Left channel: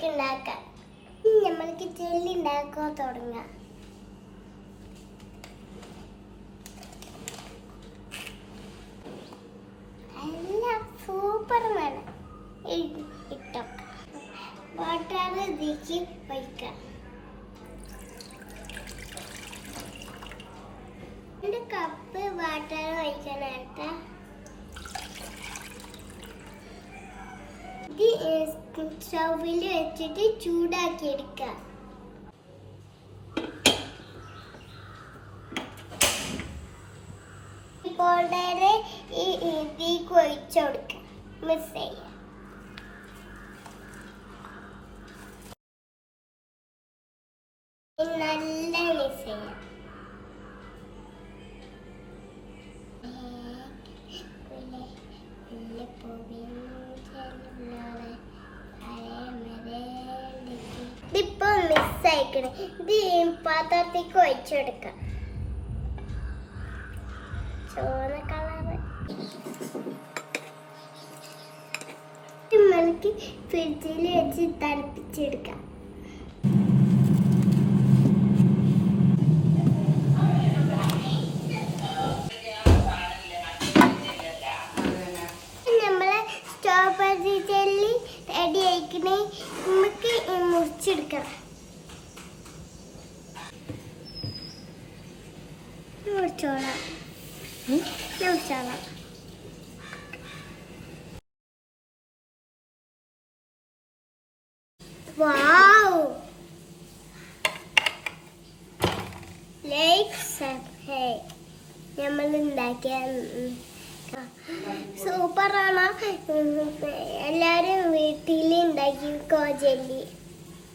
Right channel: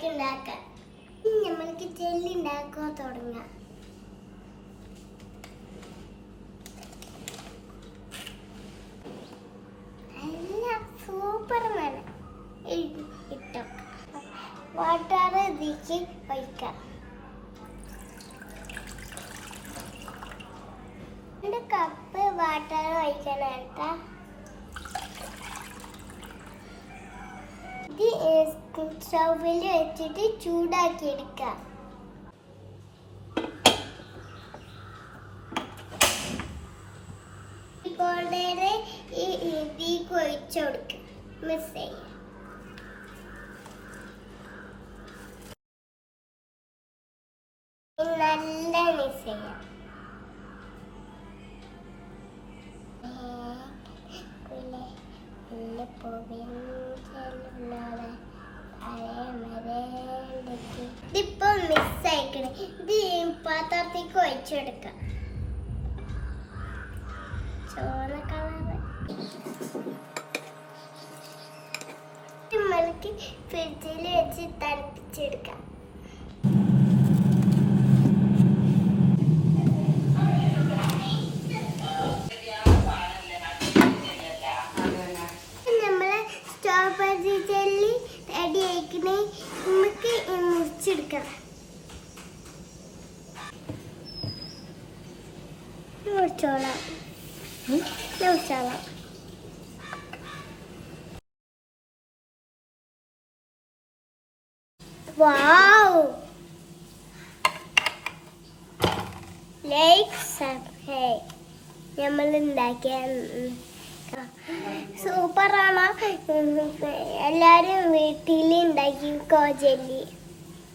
നമ്മൾക്ക് ഉണ്ടാക്കാം. നമ്മൾക്ക് ജെല്ലി ഉണ്ടാക്കാൻ തുടങ്ങാം. എല്ലാം സൂപ്പറാണ്. ഇട്ടോ വാട്ടർ ഇതിലേക്ക് ഒഴിക്കാം. 2 കപ്പ് വാട്ടർ ഒഴിക്കാനായിട്ട് ഇത് സ്റ്റൗവിൽ വെച്ചിട്ട് ചൂടാക്കി എടുക്കാം. പൗഡർ ഇതിലേക്ക് ഒഴിച്ചു കൊടുക്കാം. മിക്സ് ചെയ്യാം. നല്ല മിക്സ് ചെയ്യാം. ഇതിപ്പോ മിക്സ് ആയിക്കണം. ഇത് പാത്രത്തേക്ക് ഒഴിച്ചെടുക്കാം. ചുവന്ന കളറ് നമ്മൾക്ക് ഫ്രിഡ്ജിൽ വെച്ച് തണുപ്പിച്ചെടുക്കാം. സ്ട്രോബെറി ജെല്ലി റെഡി ആയിക്കണേ. നമുക്ക് മുറിച്ചെടുക്കാം. മുറിച്ചോളാം. Wow, like subscribe. നമ്മൾ ഉണ്ടാക്കിയ സൂപ്പറാണ്. എല്ലാവരും വീട്ടിൽ ഉണ്ടാക്കിക്കോ ജെല്ലി.